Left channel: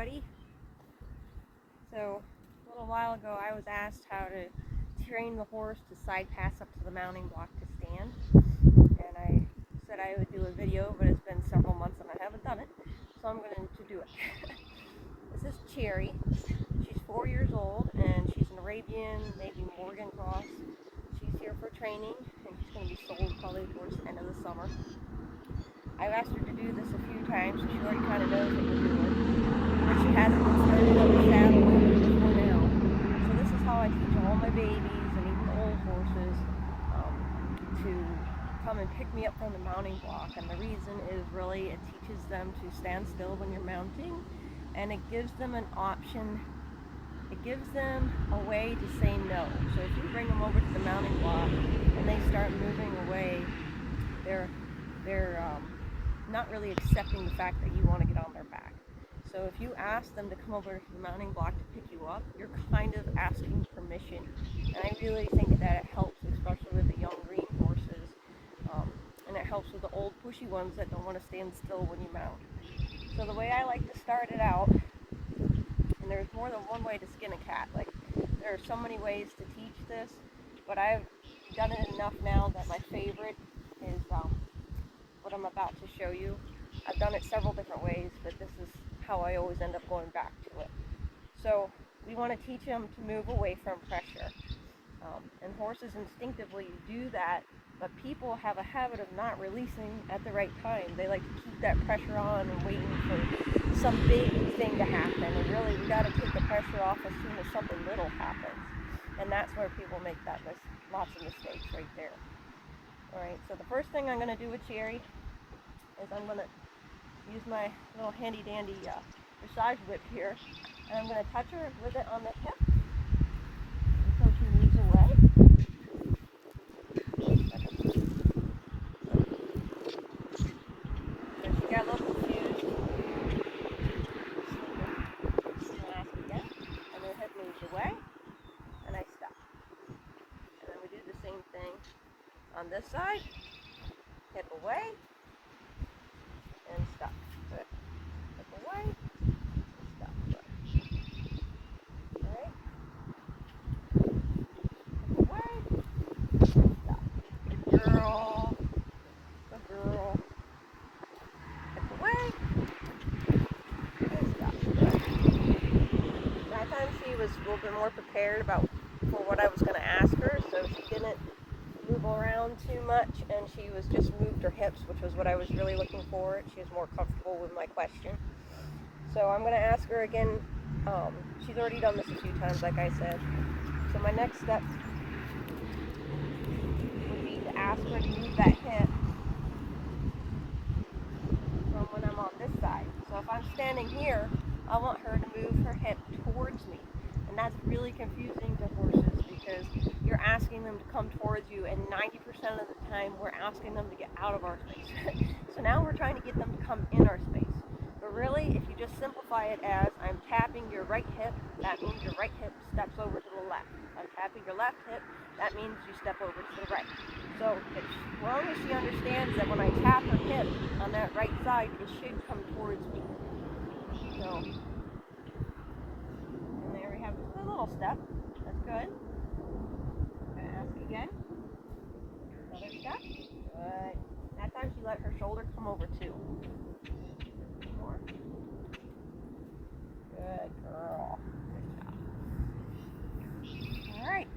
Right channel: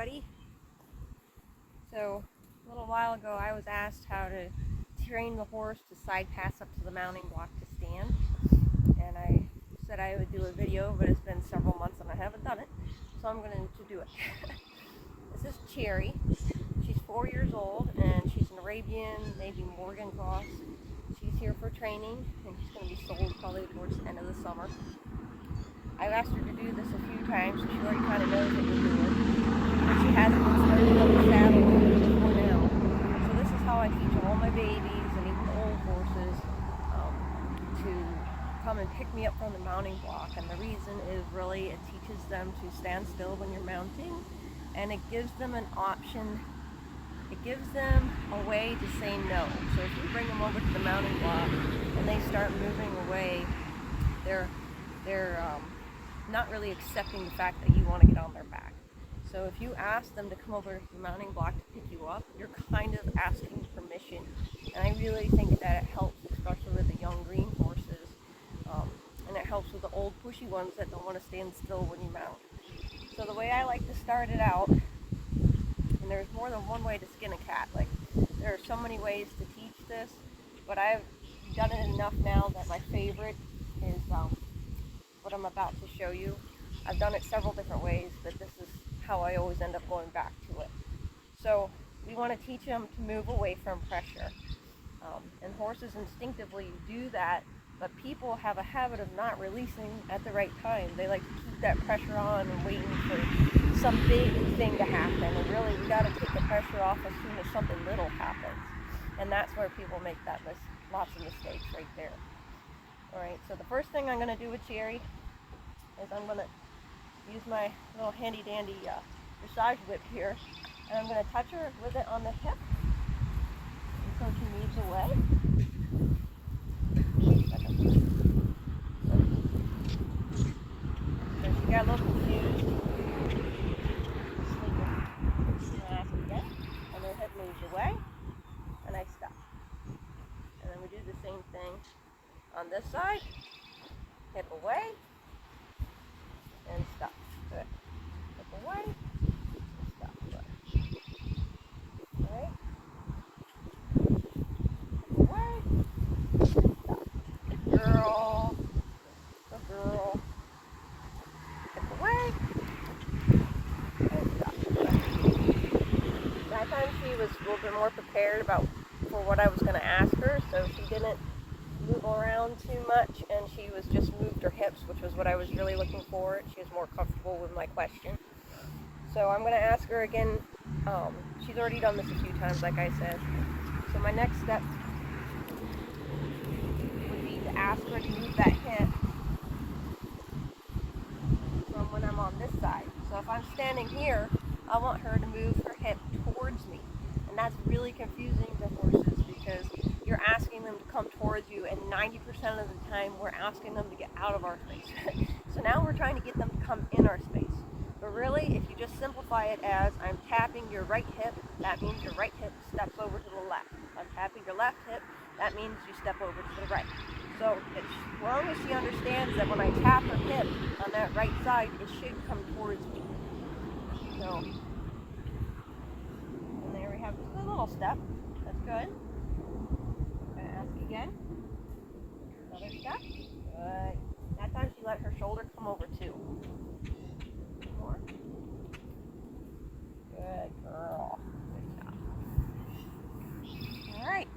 everybody. So a little while ago I was asked how to train the horse to side pass up to the mounting block to stand, and I said I would do a video, but it's been several months and I haven't done it, so I'm going to do it. This is Cherry. She's 4 years old and she's an Arabian, maybe Morgan cross. She's here for training and she's going to be sold probably towards the end of the summer. I've asked her to do this a few times, so she already kind of knows what we're doing, but she hasn't been started on the saddle before now. So this is how I teach all my babies and even the old horses to come and pick me up from the mounting block. And the reason is really it teaches them to stand still when you're mounting, and it gives them an option. It gives them a way to say no. So if you bring them over to the mounting block and they start moving away, they're not really accepting the fact that you want to get on their back. So if you ask them to come over to the mounting block to pick you up, you're kind of asking permission. And I really think that it helps, especially with the young green horses. And it helps with the old pushy ones that don't want to stand still when you mount. So the way I like to start it out, and there's more than one way to skin a cat. Like, there are so many ways to teach this, but I've done it enough now that my favorite is what I'm about to show you. I've done it several different ways, but this is how I always end up going back to it. So we want to teach them to move away from pressure. And horses instinctively do that, but people have a habit of not releasing at the right time. They like to keep that pressure on and waiting for some big thing to happen. And really, we got to take the pressure off as soon as something little happens. And that's where people make lots of mistakes right there. Alright, so the first thing I'm going to do with Cherry is I'm going to use my little handy dandy massage whip here, and I'm going to touch her with it on the hip until she moves away. So she got a little confused. And the hip moves away, and I stop. And then we do the same thing on this side, hip away, and stop. Good. Hip away, and stop. Good. Okay. Hip away, and stop. Good girl. Good girl. Hip away, and stop. That time she was a little bit more prepared for what I was going to ask her, so she didn't move around too much, and she was just moved her hips, which was what I was really looking for. She was more comfortable with my question. So I'm going to ask her again. She's already done this a few times, like I said. So my next step would be to ask her to move that hip from when I'm on this side. So if I'm standing here, I want her to move her hip towards me. And that's really confusing to horses because you're asking them to come towards you, and 90% of the time we're asking them to get out of our space. So now we're trying to get them to come in our space. But really, if you just simplify it as I'm tapping your right hip, that means your right hip steps over to the left. If I'm tapping your left hip, that means you step over to the right. So as long as she understands that when I tap her hip on that right side, it should come towards me. So, and there we have just a little step. That's good. I'm going to ask again. Another step. Good. That time she let her shoulder come over too. More. Good girl. Good job. Alright.